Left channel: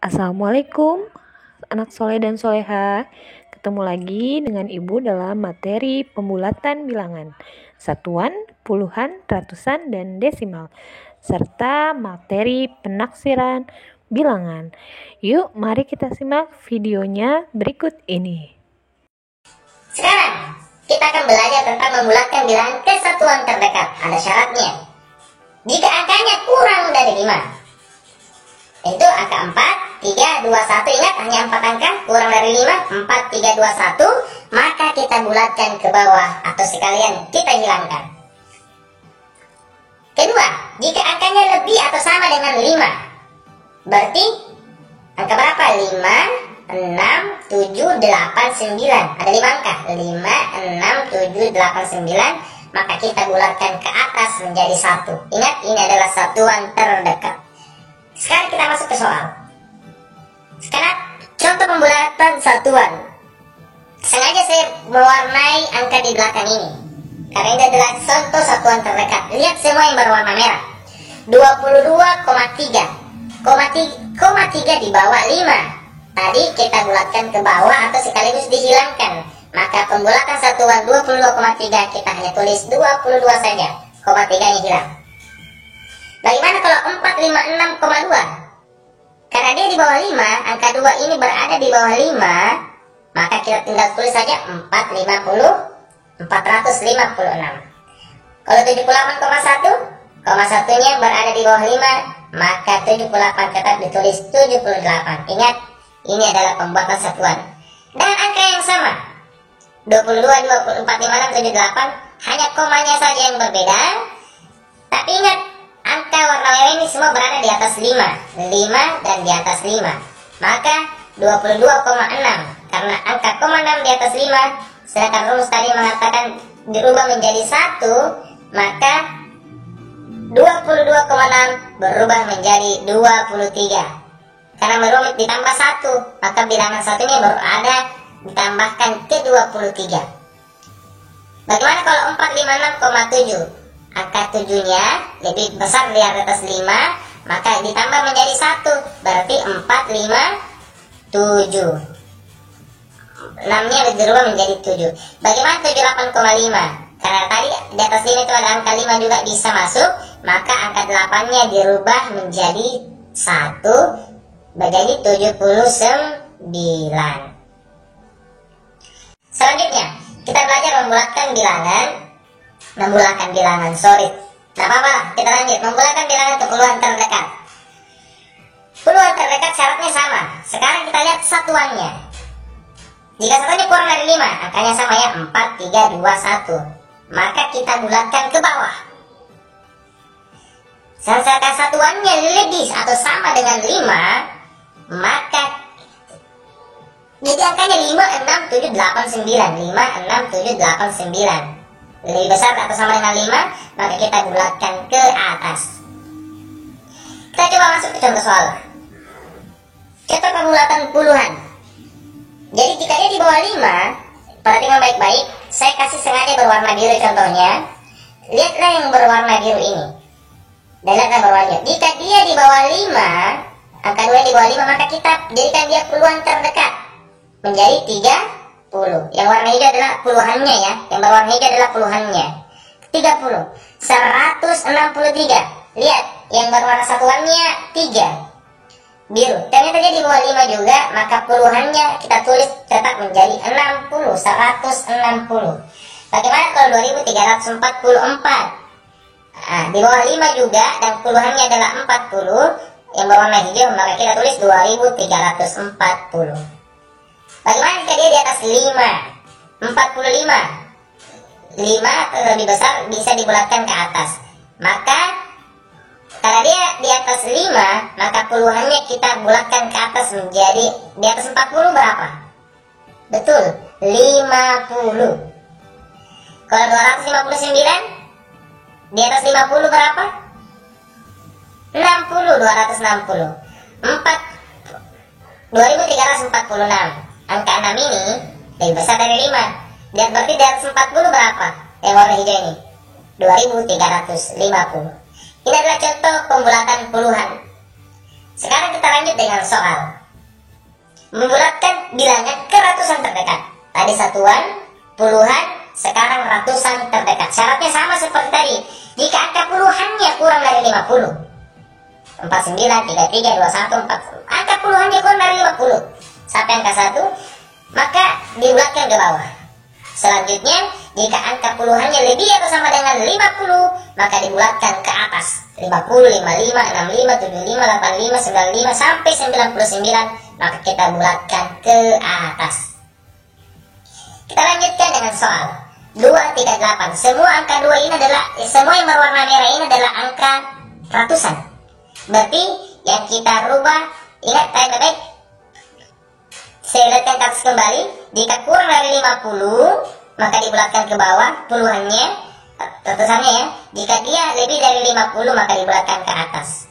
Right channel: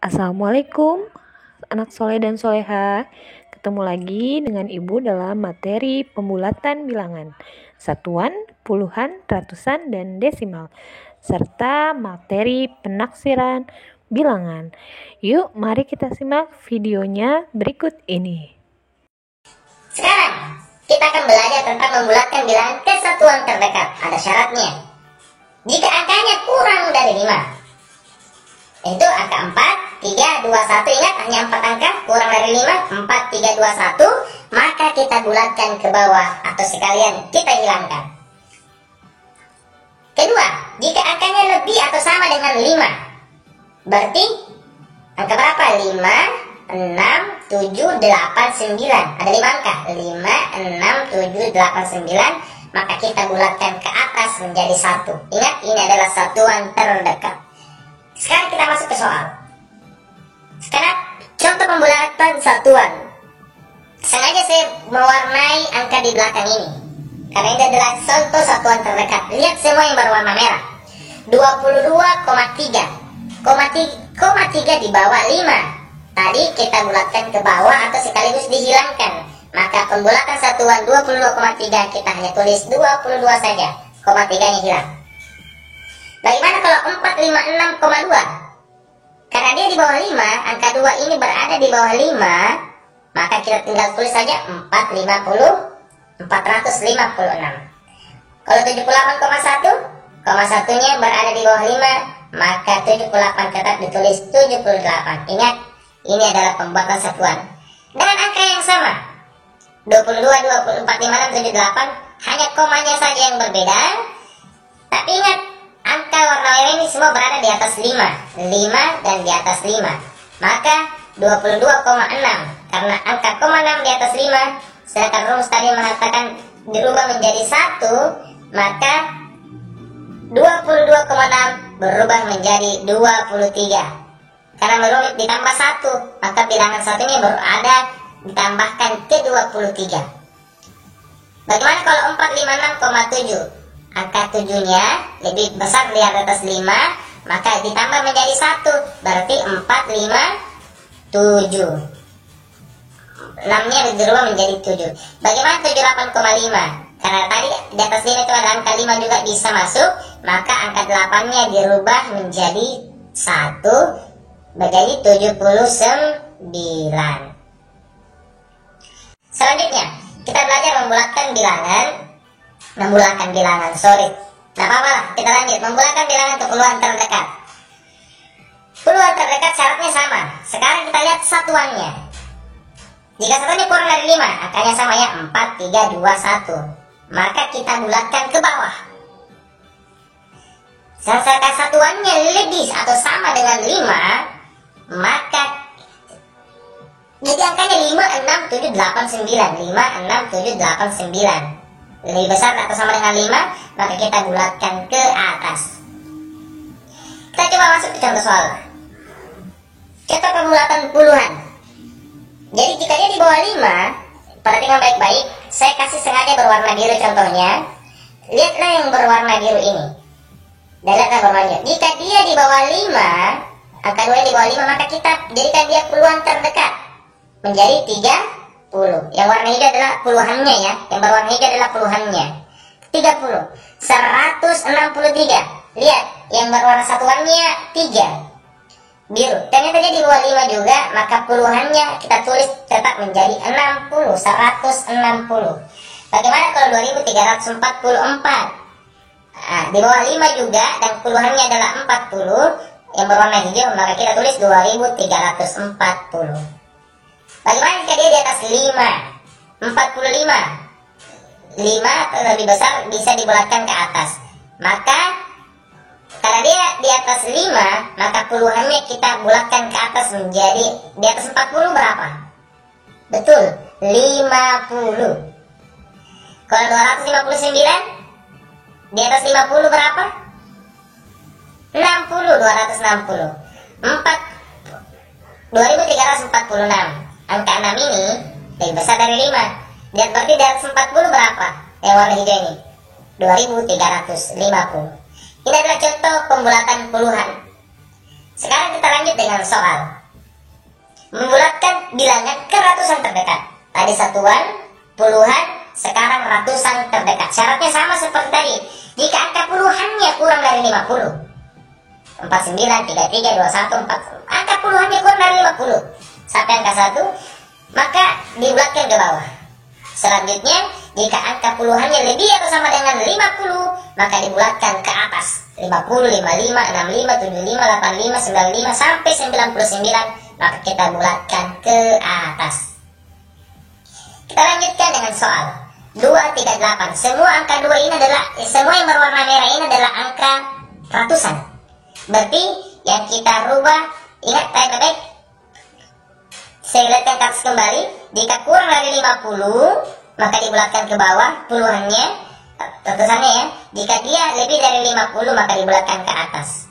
Assalamualaikum anak soleh dan soleha. Ketemu lagi dengan Ibu dalam materi pembulatan bilangan, satuan, puluhan, ratusan, dan desimal, serta materi penaksiran bilangan. Yuk mari kita simak videonya berikut ini. Sekarang kita akan belajar tentang membulatkan bilangan ke satuan terdekat. Ada syaratnya. Jika angkanya kurang dari 5, itu angka 4, 3, 2, 1. Ingat, hanya 4 angka, kurang dari 5, 4, 3, 2, 1. Maka kita bulatkan ke bawah atau sekalian kita hilangkan. Kedua, jika angkanya lebih atau sama dengan 5, berarti angka berapa? 5, 6, 7, 8, 9. Ada 5 angka, 5, 6, 7, 8, 9. Maka kita bulatkan ke atas menjadi 1. Ingat, ini adalah satuan terdekat. Sekarang kita masuk ke soal. Sekarang contoh pembulatan satuan. Sengaja saya mewarnai angka di belakang ini, karena ini adalah contoh satuan terdekat. Lihat semua yang berwarna merah. 22,3 di bawah 5. Tadi kita bulatkan ke bawah atau sekaligus dihilangkan. Maka pembulatan satuan 22,3 kita hanya tulis 22 saja. 0,3-nya hilang. Bagaimana kalau 456,2? Karena dia di bawah 5, angka 2 ini berada di bawah 5, maka kita tinggal tulis saja 456. Kalau 78,1, 1-nya berada di bawah 5, maka 78 tetap ditulis 78. Ingat, ini adalah pembuatan satuan. Dengan angka yang sama, 22, 24, 56, 78, hanya komanya saja yang berbeda. Tapi ingat, angka warna merah ini semua berada di atas 5 dan di atas 5. Maka 22,6, karena angka 0,6 di atas 5, sedangkan rumus tadi mengatakan dirubah menjadi 1, maka 22,6 berubah menjadi 23. Karena merumit ditambah 1, maka bilangan satunya berada ditambahkan ke 23. Bagaimana kalau 456,7? Angka 7-nya lebih besar di atas 5, maka ditambah menjadi 1, berarti 457. 6-nya dirubah menjadi 7. Bagaimana 78,5? Karena tadi di atas 5 itu ada angka 5 juga bisa masuk, maka angka 8-nya dirubah menjadi 1, menjadi 79. Selanjutnya, kita belajar membulatkan bilangan. Nah, apa-apa lah, kita lanjut. Membulatkan bilangan ke puluhan terdekat. Puluhan terdekat syaratnya sama. Sekarang kita lihat satuannya. Jika satuannya kurang dari 5, angkanya sama ya, 4, 3, 2, 1. Maka kita bulatkan ke bawah. Sedangkan satuannya lebih atau sama dengan 5, maka jadi angkanya 5, 6, 7, 8, 9. 5, 6, 7, 8, 9. Lebih besar atau sama dengan 5, maka kita bulatkan ke atas. Kita coba masuk ke contoh soal. Contoh pembulatan puluhan. Jadi jika dia di bawah 5, perhatikan baik-baik. Saya kasih sengaja berwarna biru contohnya. Lihatlah yang berwarna biru ini. Dan lihatlah berwarna biru. Jika dia di bawah 5, angka 2 di bawah 5, maka kita jadikan dia puluhan terdekat menjadi 30. Yang warna hijau adalah puluhannya ya. Yang berwarna hijau adalah puluhannya. 30. 163. Lihat, yang berwarna satuannya 3. Biru. Ternyata dia di bawah 5 juga, maka puluhannya kita tulis tetap menjadi 60. 160. Bagaimana kalau 2344? Nah, di bawah 5 juga dan puluhannya adalah 40, yang berwarna hijau, maka kita tulis 2340. Bagaimana jika dia di atas 5? 45. 5 atau lebih besar bisa dibulatkan ke atas. Maka karena dia di atas 5, maka puluhannya kita bulatkan ke atas menjadi di atas 40 berapa? Betul, 50. Kalau 259 di atas 50 berapa? 60, 260. 2346. Angka 6 ini lebih besar dari 5. Lihat, berarti di atas 40 berapa? Yang warna hijau ini 2350. Ini adalah contoh pembulatan puluhan. Sekarang kita lanjut dengan soal membulatkan bilangan ke ratusan terdekat. Tadi satuan, puluhan, sekarang ratusan terdekat. Syaratnya sama seperti tadi. Jika angka puluhannya kurang dari 50, 49, 33, 21, 4, angka puluhannya kurang dari 50 sampai angka 1, maka dibulatkan ke bawah. Selanjutnya, jika angka puluhannya lebih atau sama dengan 50, maka dibulatkan ke atas. 50, 55, 65, 75, 85, 95 sampai 99, maka kita bulatkan ke atas. Kita lanjutkan dengan soal 238. Semua angka 2 ini adalah, semua yang berwarna merah ini adalah angka ratusan. Berarti yang kita rubah, ingat baik-baik, saya lihatkan kasus kembali. Jika kurang dari 50, maka dibulatkan ke bawah puluhannya, ratusannya ya. Jika dia lebih dari 50, maka dibulatkan ke atas.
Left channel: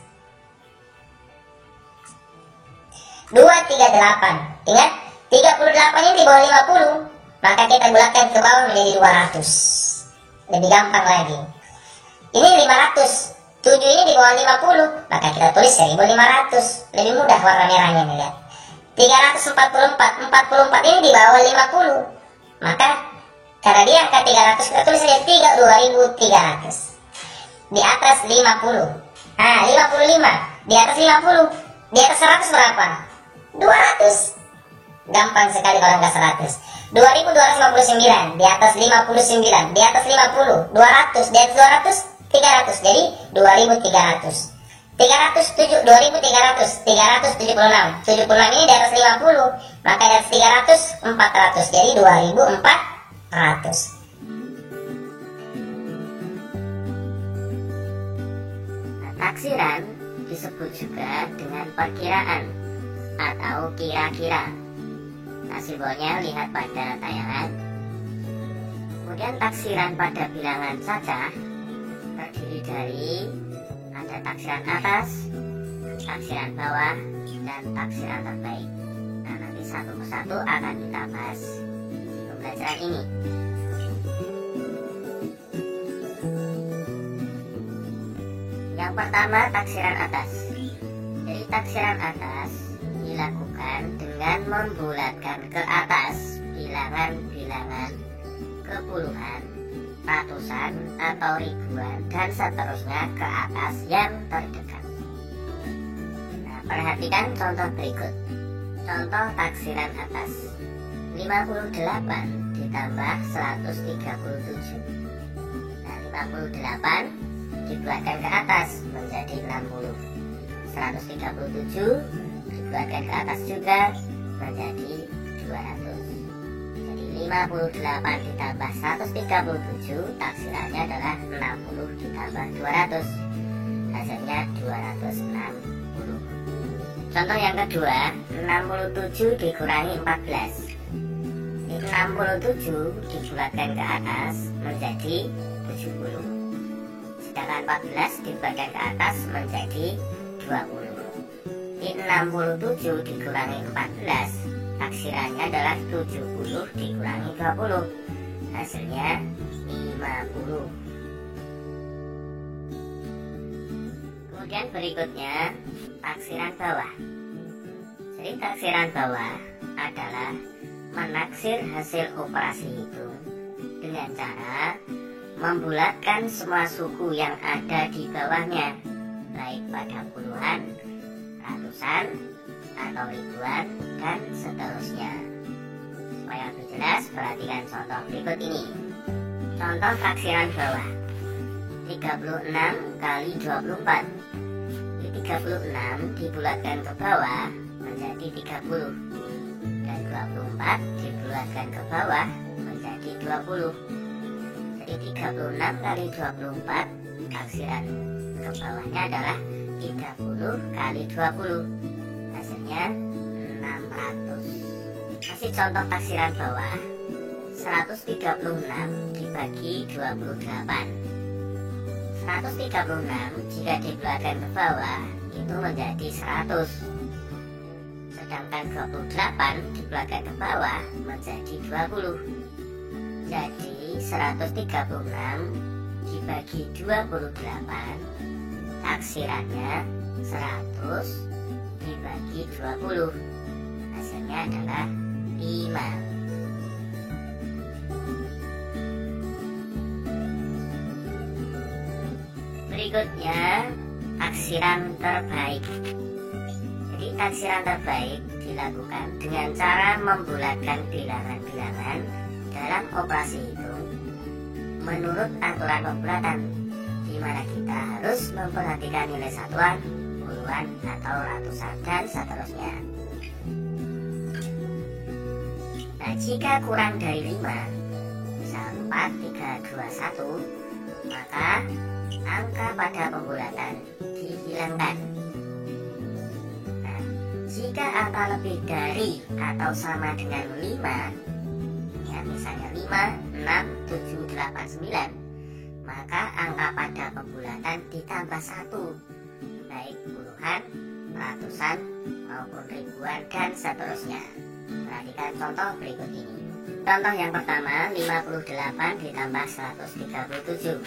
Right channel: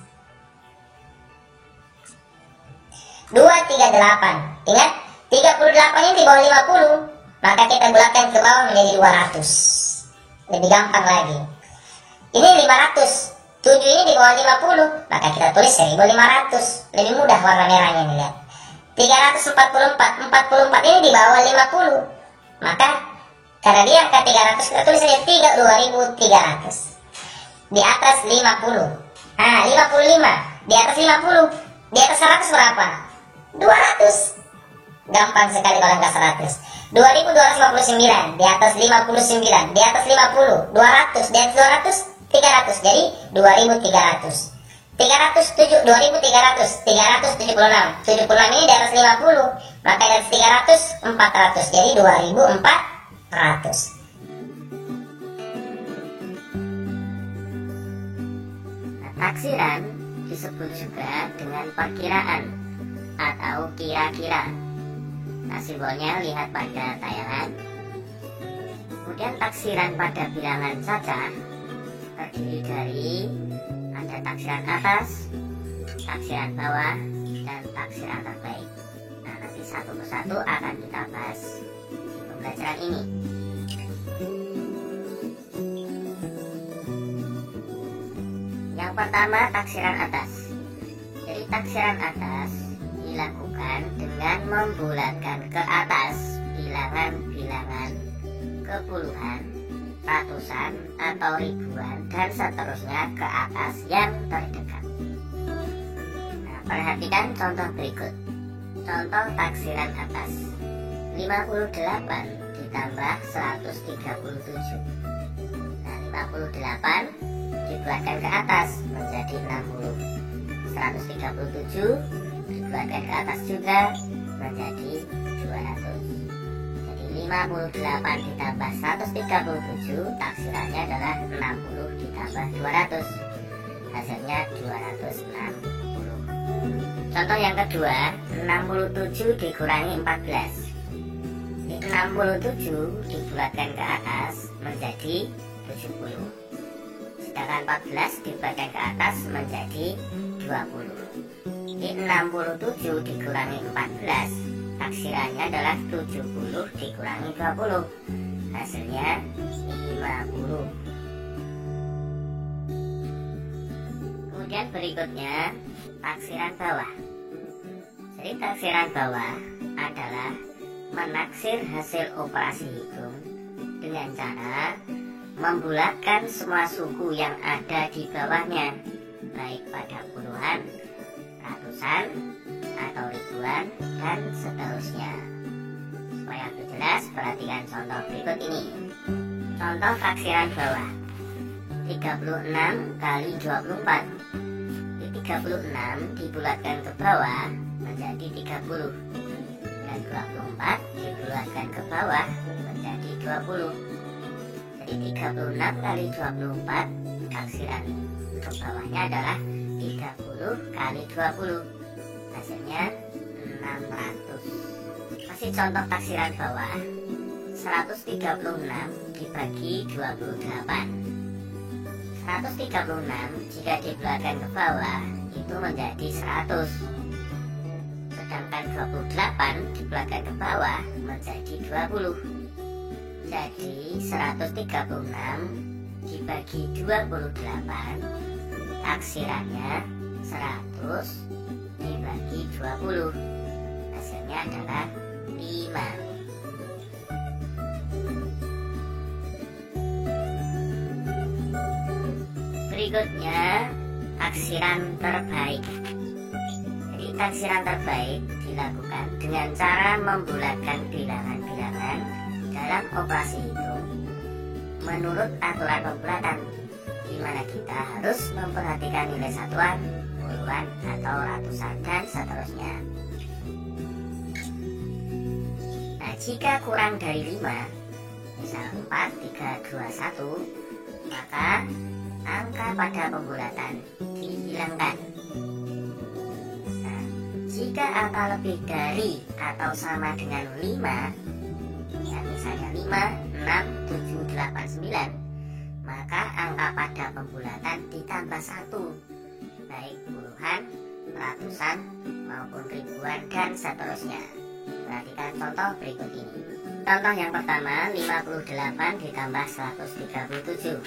238. Ingat, 38 ini di bawah 50, maka kita bulatkan ke bawah menjadi 200. Lebih gampang lagi. Ini 500. 7 ini di bawah 50, maka kita tulis 1500. Lebih mudah warna merahnya nih, lihat. 344. 44 ini di bawah 50, maka karena dia angka 300, kita tulis saja 2300. Di atas 50. 55. Di atas 50. Di atas 100 berapa? 200. Gampang sekali kalau angka 100. 2259. Di atas 59. Di atas 50. 200. Di atas 200. 300. Jadi 2300. 307, 2300, 376. 76 ini di atas 50, maka di atas 300, 400. Jadi 2400. Taksiran disebut juga dengan perkiraan atau kira-kira. Nah, simbolnya lihat pada tayangan. Kemudian taksiran pada bilangan saja terdiri dari ada taksiran atas, taksiran bawah, dan taksiran terbaik. Nah, nanti satu persatu akan kita bahas di pembelajaran ini. Yang pertama, taksiran atas. Jadi taksiran atas dilakukan dengan membulatkan ke atas bilangan-bilangan ke puluhan, ratusan, atau ribuan, dan seterusnya ke atas yang terdekat. Nah, perhatikan contoh berikut. Contoh taksiran atas. 58 ditambah 137. Nah, 58 dibulatkan ke atas menjadi 60. 137 dibulatkan ke atas juga menjadi 200. Jadi 58 ditambah 137 taksirannya adalah 60 ditambah 200. Hasilnya 260. Contoh yang kedua, 67 dikurangi 14. 67 dibulatkan ke atas menjadi 70. Sedangkan 14 dibulatkan ke atas menjadi 20. 67 dikurangi 14, taksirannya adalah 70 dikurangi 20. Hasilnya 50. Kemudian berikutnya taksiran bawah. Jadi taksiran bawah adalah menaksir hasil operasi hitung dengan cara membulatkan semua suku yang ada di bawahnya, baik pada puluhan, ratusan, atau ribuan, dan seterusnya. Supaya lebih jelas, perhatikan contoh berikut ini. Contoh taksiran bawah. 36 kali 24. 36 dibulatkan ke bawah menjadi 30, dan 24 dibulatkan ke bawah menjadi 20. Jadi 36 kali 24, taksiran ke bawahnya adalah 30 kali 20. Hasilnya 600. Masih contoh taksiran bawah. 136 dibagi 28. 136 jika dibulatkan ke bawah itu menjadi 100. Sedangkan 28 dibulatkan ke bawah menjadi 20. Jadi 136 dibagi 28, taksirannya 100 20. Hasilnya adalah 5. Berikutnya, taksiran terbaik. Jadi taksiran terbaik dilakukan dengan cara membulatkan bilangan-bilangan dalam operasi hitung menurut aturan pembulatan, di mana kita harus memperhatikan nilai satuan, puluhan, atau ratusan, dan seterusnya. Nah, jika kurang dari 5, misal 4, 3, 2, 1, maka angka pada pembulatan dihilangkan. Nah, jika angka lebih dari atau sama dengan 5, ya misalnya 5, 6, 7, 8, 9, maka angka pada pembulatan ditambah 1, baik puluhan, ratusan, maupun ribuan, dan seterusnya. Perhatikan contoh berikut ini. Contoh yang pertama, 58 ditambah 137.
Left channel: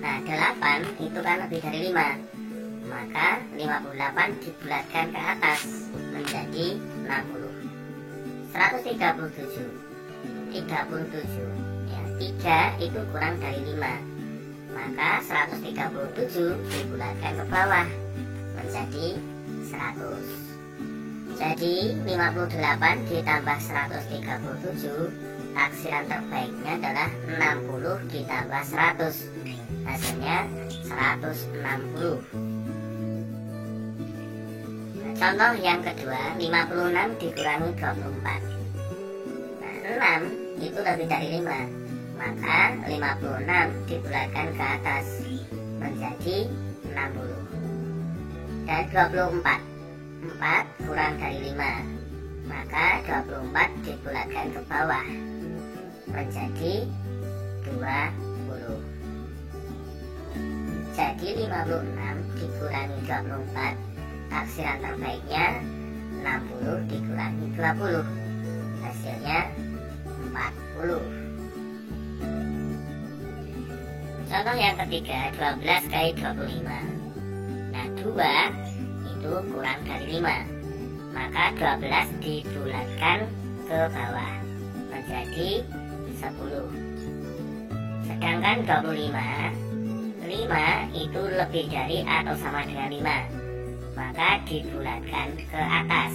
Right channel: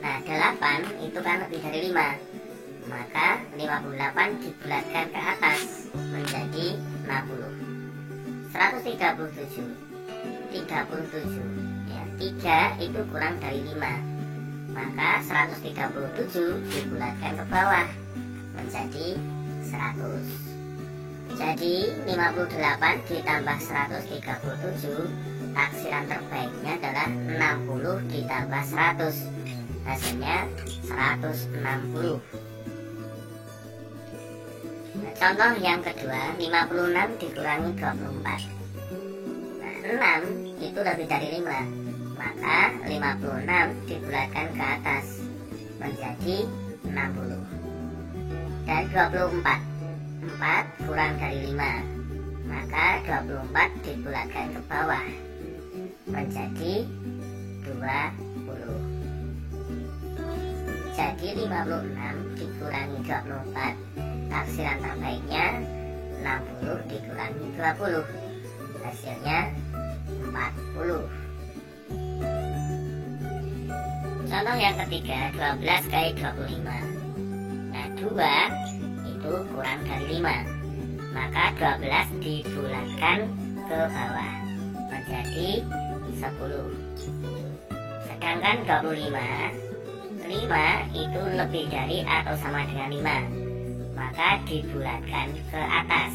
Nah, 8 itu kan lebih dari 5, maka 58 dibulatkan ke atas menjadi 60. 137, 37, ya, 3 itu kurang dari 5, maka 137 dibulatkan ke bawah menjadi 100. Jadi 58 ditambah 137, taksiran terbaiknya adalah 60 ditambah 100. Hasilnya 160. Nah, contoh yang kedua, 56 dikurangi 24. Nah, 6 itu lebih dari 5, maka 56 dibulatkan ke atas menjadi 60. Dan 24, 4 kurang dari 5, maka 24 dibulatkan ke bawah menjadi 20. Jadi 56 dikurangi 24, taksiran terbaiknya 60 dikurangi 20, hasilnya 40. Contoh yang ketiga, 12 kali 25. Nah, 2 itu kurang dari 5, maka 12 dibulatkan ke bawah menjadi 10. Sedangkan 25, 5 itu lebih dari atau sama dengan 5, maka dibulatkan ke atas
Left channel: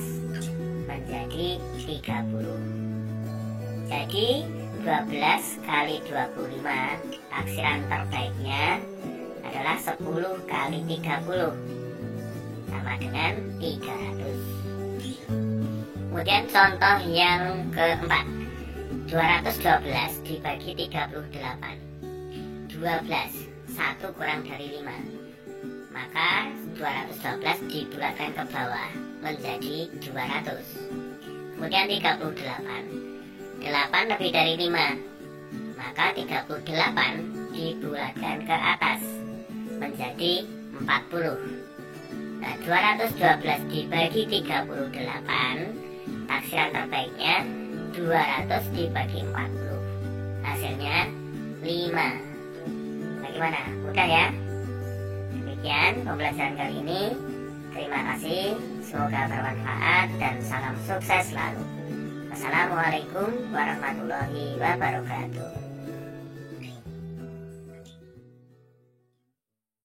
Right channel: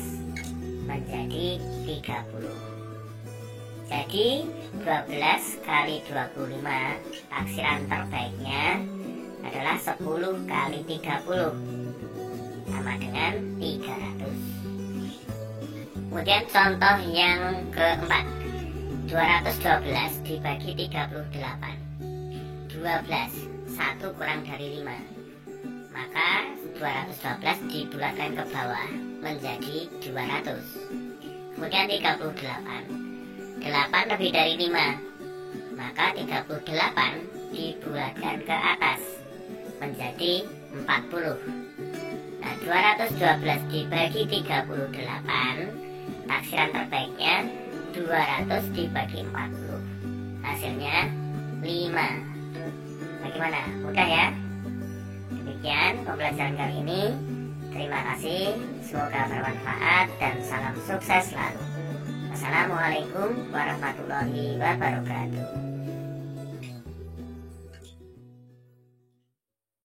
menjadi 30. Jadi 12 kali 25, taksiran terbaiknya adalah 10 kali 30, sama dengan 300. Kemudian contoh yang keempat, 212 dibagi 38. 12, 1 kurang dari 5, maka 212 dibulatkan ke bawah menjadi 200. Kemudian 38, 8 lebih dari 5, maka 38 dibulatkan ke atas menjadi 40. Nah, 212 dibagi 38, taksiran terbaiknya 200 dibagi 40, hasilnya 5. Bagaimana? Mudah ya? Demikian pembelajaran kali ini. Terima kasih, semoga bermanfaat dan salam sukses selalu. Wassalamualaikum warahmatullahi wabarakatuh.